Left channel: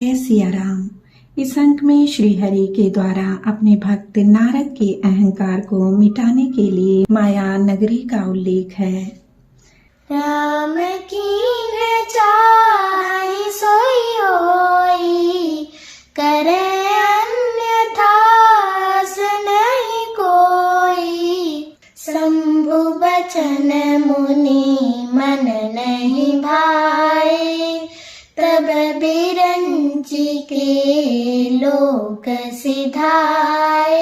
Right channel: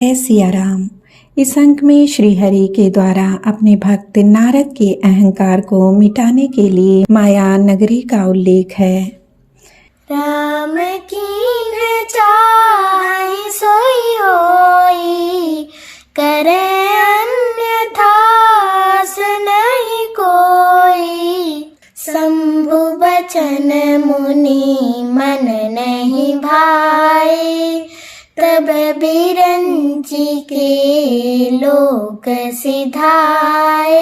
जय सिया राम। इस अंक में श्री हरि के द्वारा अपने भक्त नारद के अहंकार को मिटाने के लिए माया नगरी का उल्लेख है। राम कीन चाहि सोई होई, करे अन्यथा नहीं कोई। शंभु बचन मुनि मन नहीं भाए, तब बिरंची के लोक सिधाए।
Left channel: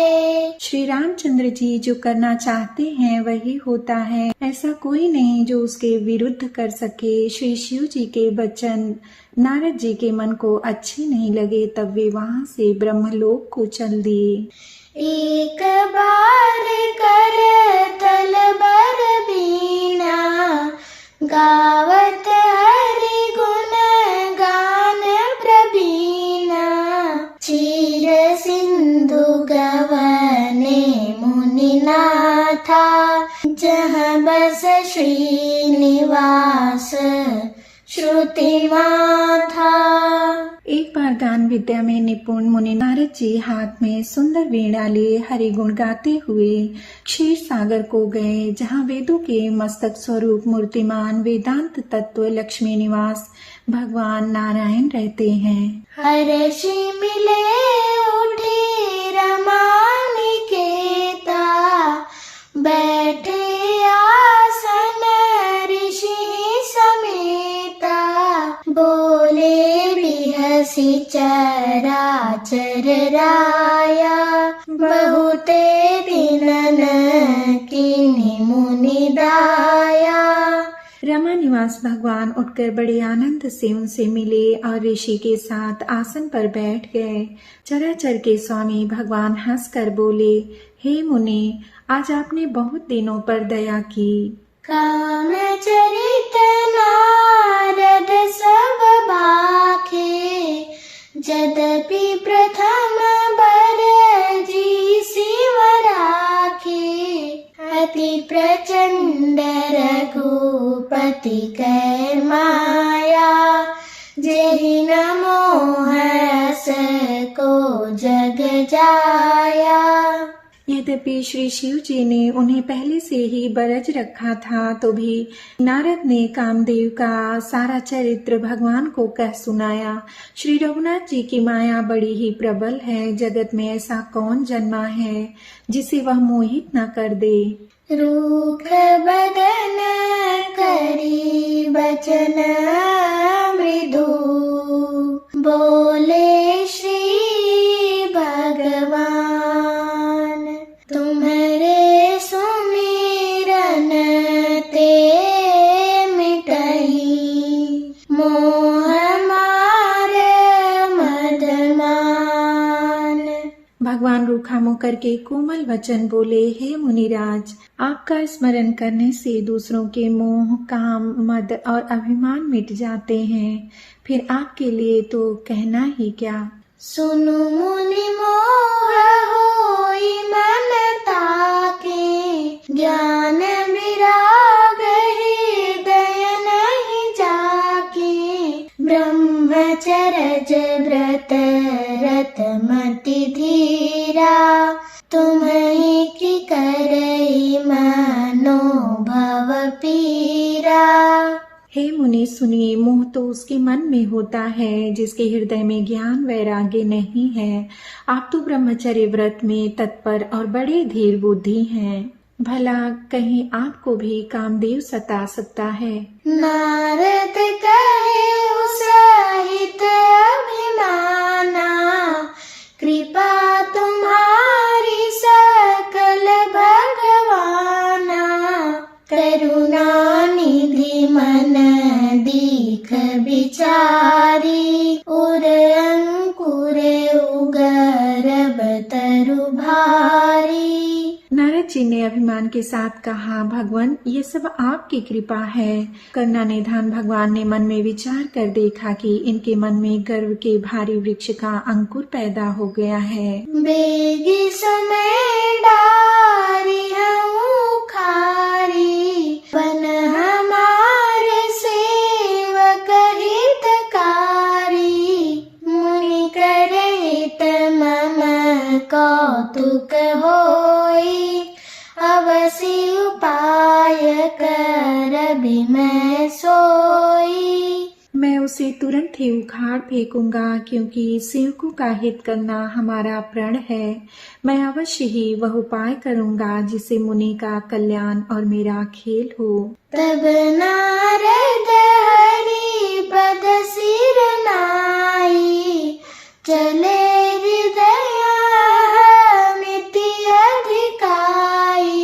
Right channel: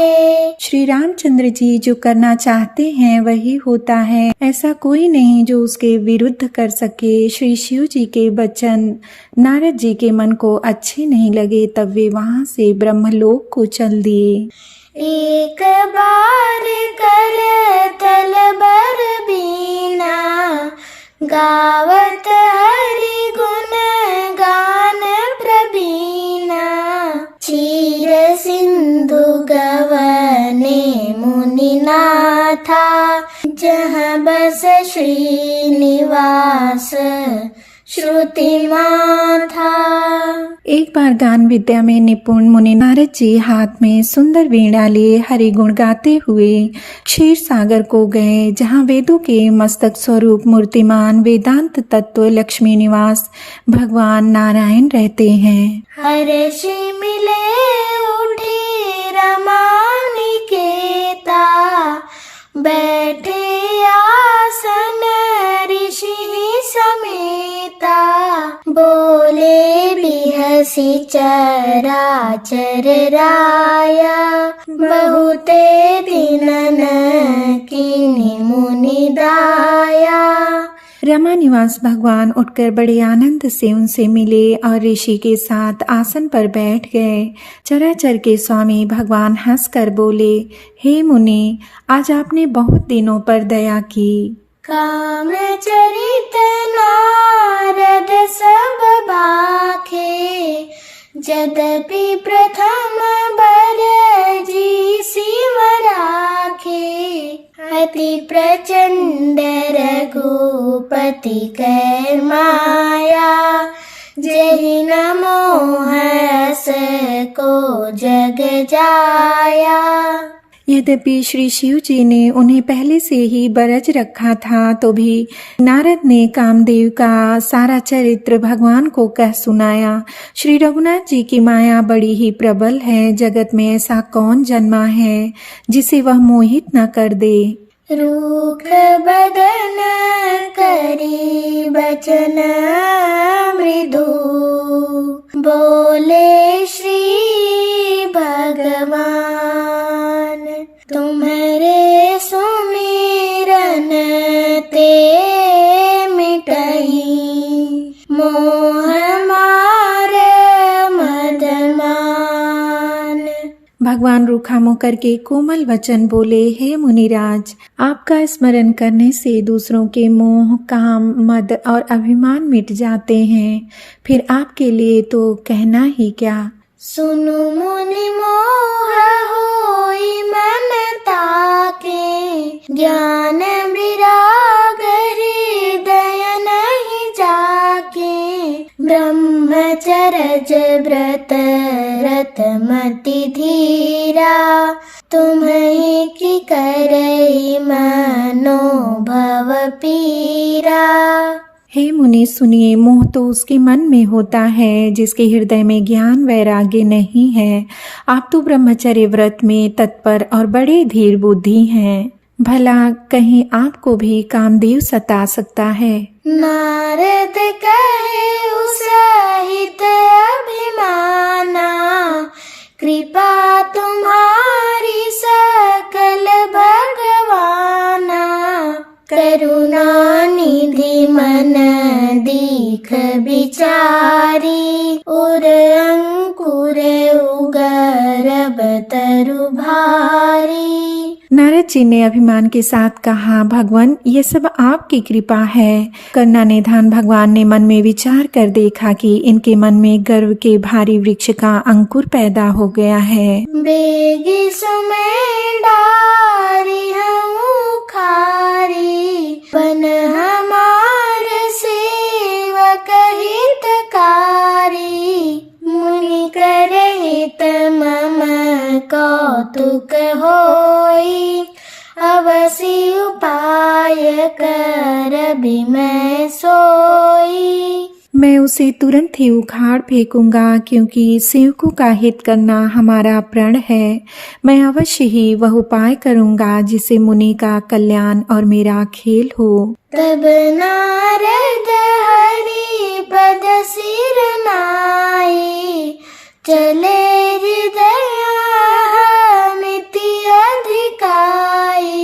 श्री रामचंद्र जी जो करना चाहते हैं वही होता है, ऐसा कोई नहीं जो उसके विरुद्ध कर सके। श्री शिव जी के वचन नारद जी के मन को अच्छे नहीं लगे, तब वे वहां से ब्रह्मलोक को चल दिए। एक बार कर तल बर बीना, गावत हरि गुण गान प्रवीणा। चीर सिंधु गवने मुनिनाथा, जहाँ बस श्रीनिवास श्रुति माथा। एक बार गान विद्या में निपुण मुनि नारद जी हाथ में सुंदर वीणा लिए हरि गुण गाते हुए क्षीर सागर को गए, जहाँ वेदों के मस्तक स्वरूप मूर्तिमान वेदांत तत्व लक्ष्मी निवास भगवान नारायण रहते हैं। हर्षि मिले उठी रमानिकेता, बैठे आसन ऋषि समेता। बोले बिहसी चराचर राया, बहुते दिनन कीनी मुनि दाया। रमा निवास भगवान उठकर बड़े आनंद से उनसे मिले और ऋषि के साथ आसन पर बैठ गए। चराचर के स्वामी भगवान हंसकर बोले, हे मुनि, आज आपने बहुत दिनों पर दया की। काम चरित नारद सब भाखे, यद्यपि प्रथम बर जी शिव राखे। अति प्रचंड रघुपति कै माया, जेहि न मोहस को जग जाया। यद्यपि श्री शिव जी ने उन्हें पहले से ही बरज रखा था, तो भी नारद ने कामदेव का सारा चरित्र भगवान को कह सुनाया। श्री रघुनाथ जी की माया बड़ी ही प्रबल है। जगत में ऐसा कौन जन्मा है जिसे वह मोहित न कर दे। रूख बदन करी बचन मृदु, बोले श्री भगवान। तुम्हारे सुमिरन ते मिटही, मोह मार मदमान। भगवान रूखा मुँह करके कोमल वचन बोले, हे मुनिराज, आपका स्मरण करने से दूसरों के मोह, काम, मद और अभिमान मिट जाते हैं। फिर आपके लिए तो कहना ही क्या। सुनु मुनि मोह होई मन ताके, ज्ञान विराग हृदय नहीं जाके। ब्रह्मचर्य व्रत रत मति धीरा, तुम्हें की करई मनो भव पीरा। हे मुनि सुनिए, मोह तो उसके मन में होता है जिसके हृदय में ज्ञान वैराग्य नहीं है। आप तो ब्रह्मचर्य व्रत में तत्पर और बड़े धीर बुद्धि हैं। भला कहीं आपको भी कामदेव सता सकता है। नारद कहे सहित अभिमाना, कृपा तुम्हारी सकल भगवाना। करुणा निधि मन दीख बिचारी, उर अंकुर उगर तरु भारी। नारद जी ने अभिमान के साथ कहा, भगवान ये सब आपकी कृपा है। करुणा निधान भगवान ने मन में विचार कर देखा कि इनके मन में गर्व के भारी वृक्ष का अंकुर पैदा हो गया है। बेगी समय डारी हम खारी, पन हमार सेवक हितकारी। कौतुक होई, अवसि उपाय करबि मैं सोई। मैं उसे तुरंत ही उखाड़ फेंकूंगा, क्योंकि सेवकों का हित करना हमारा प्रण है। मैं अवश्य ही वह उपाय करूंगा जिससे मुनि का कल्याण और मेरा खेल हो। तब नारद हरि पद सिर नाई, चले हृदय मिति अधिकाई।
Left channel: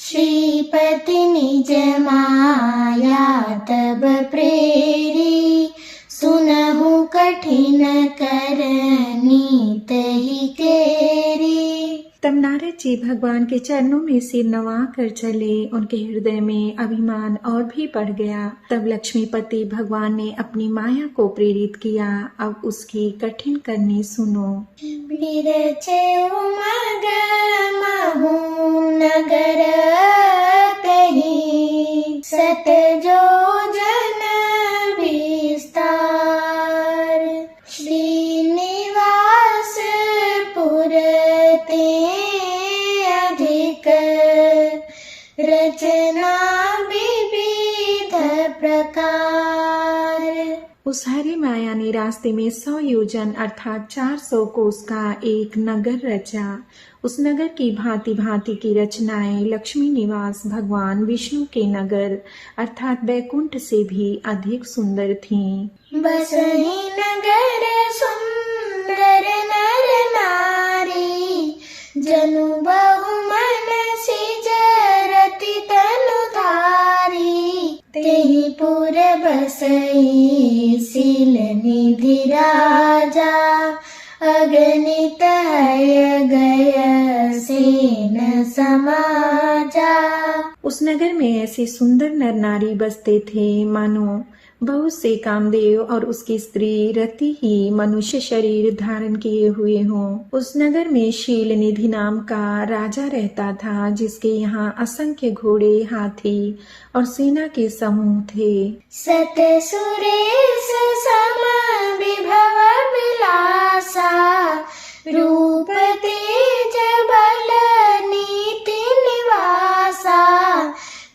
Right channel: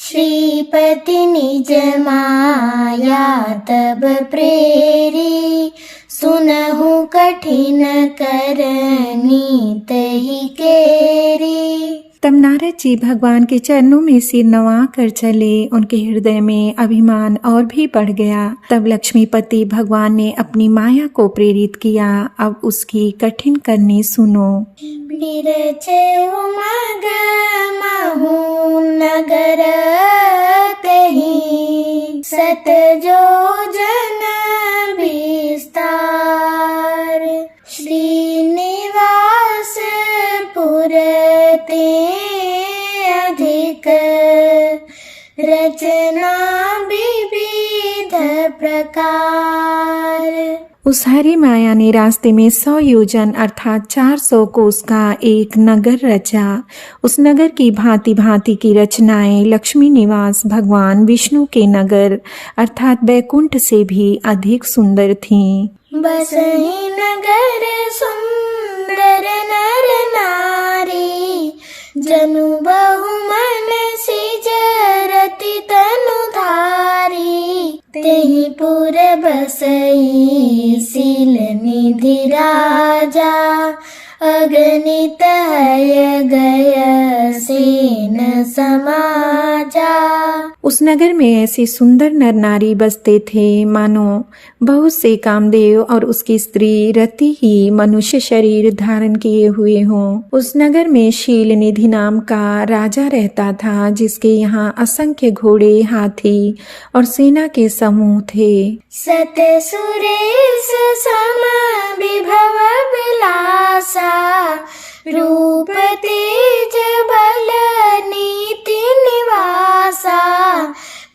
श्रीपति निज माया तब प्रेरी, सुनहु कठिन कर नीत ही केरी। तब नारद जी भगवान के चरणों में सिर नवा कर चले। उनके हृदय में अभिमान और भी बढ़ गया। तब लक्ष्मीपति भगवान ने अपनी माया को प्रेरित किया। अब उसकी कठिन करनी सुनो। बिरचे उमग महु नगर तहि, सत जोजन विस्तार। श्रीनिवास पुर ते अधिक, रचना विविध प्रकार। उस हरि माया ने रास्ते में 100 योजन अर्थात 400 कोस का एक नगर रचा। उस नगर की भांति भांति की रचनाएं लक्ष्मी निवास भगवान विष्णु के नगर अर्थात बैकुंठ से भी अधिक सुंदर थीं। बसहि नगर सुंदर नर नारी, जनु बहु मन सिज रति तनु धारी। तेहि पुर बसई शील निधि राजा, अगणित हय गय सेन समाजा। उस नगर में ऐसे सुंदर नर नारी बसते थे मानो बहुत से कामदेव और उसकी स्त्री रति ही मनुष्य शरीर धारण किए हुए हों। उस नगर में शील निधि नाम का राजा रहता था, जिसके यहाँ असंख्य घोड़े, हाथी और सेना के समूह थे। सत सुरेश सम विभव विलासा, रूप तेज बल नीति निवासा।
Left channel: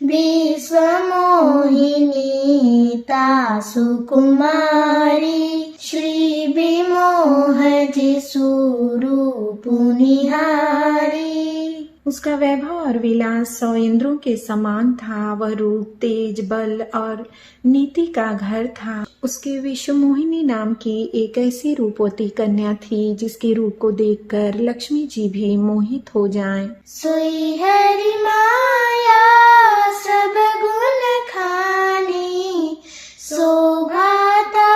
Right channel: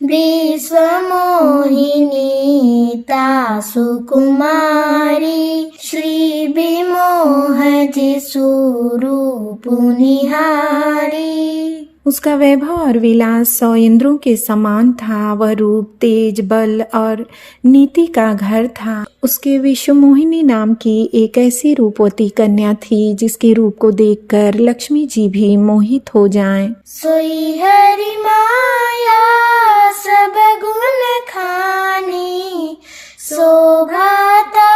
विश्व मोहिनी तासु कुमारी, श्री विमोह जिसु रूप निहारी। उसका वैभव और विलास 100 इंद्रों के समान था। वह रूप, तेज, बल और नीति का घर था। उसके विश्व मोहिनी नाम की एक ऐसी रूपवती कन्या थी जिसके रूप को देखकर लक्ष्मी जी भी मोहित हो जाएं। सोई हरि माया सब गुण खानी, शोभाता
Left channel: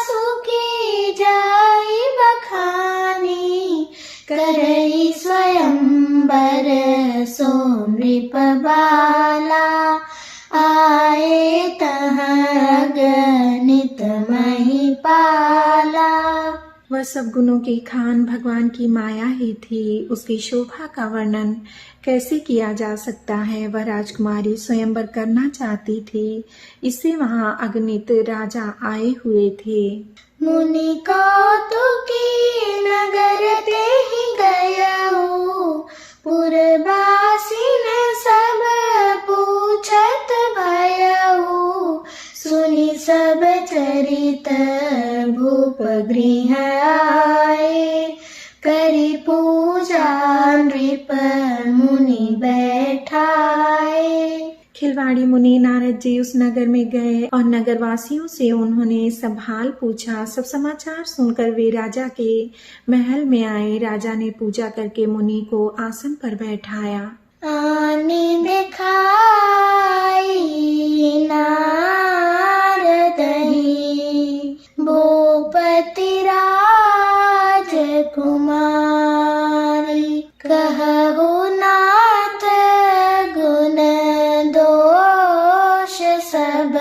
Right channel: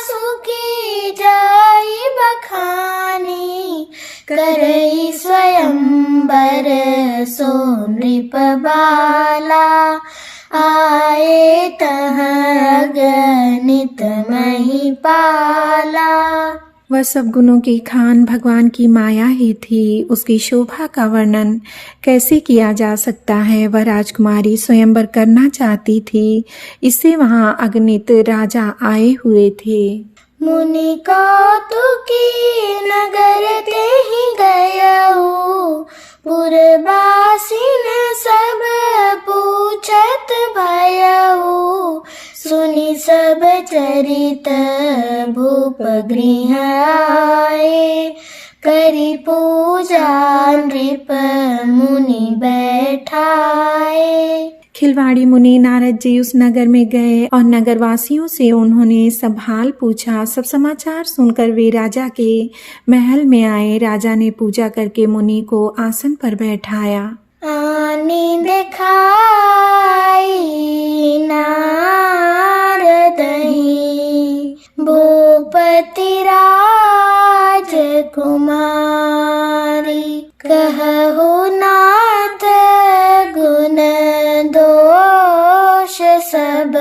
सुखी जाई बखानी। करई स्वयंवर सो नृप बाला, आए तहाँ गणित महिपाला। वह सब गुणों की खान भगवान की माया ही थी। उसकी शोभा का वर्णन कैसे किया जा सकता है। वह राजकुमारी स्वयंवर करना चाहती थी, इससे वहां अगणित राजा आए हुए थे। मुनि कौतुकी नगर तेहि गयऊ, पुरवासिन सब पूछत भयऊ। सुनि सब चरित भूप गृह आए, करि पूजा नृप मुनि बैठाए। खिलवाड़ी मुनि नारद जी उस नगर में गए और नगरवासियों से उन्होंने सब हाल पूछा। सब समाचार सुनकर वे राजा के महल में आए। राजा ने पूजा करके मुनि को आसन पर बैठाया। आनी दिखाई नारदहि, भूपति राजकुमारी। कहु नाथ गुण दोष सब,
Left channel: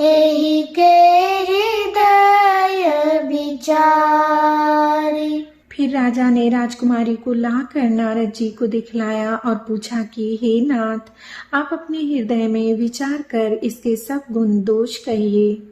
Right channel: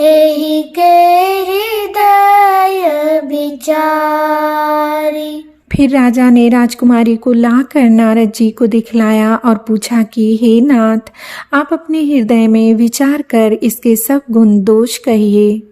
एहि के हृदय विचारी। फिर राजा ने राजकुमारी को लाकर नारद जी को दिखलाया और पूछा कि हे नाथ, आप अपने हृदय में विचार कर इसके सब गुण दोष कहिए।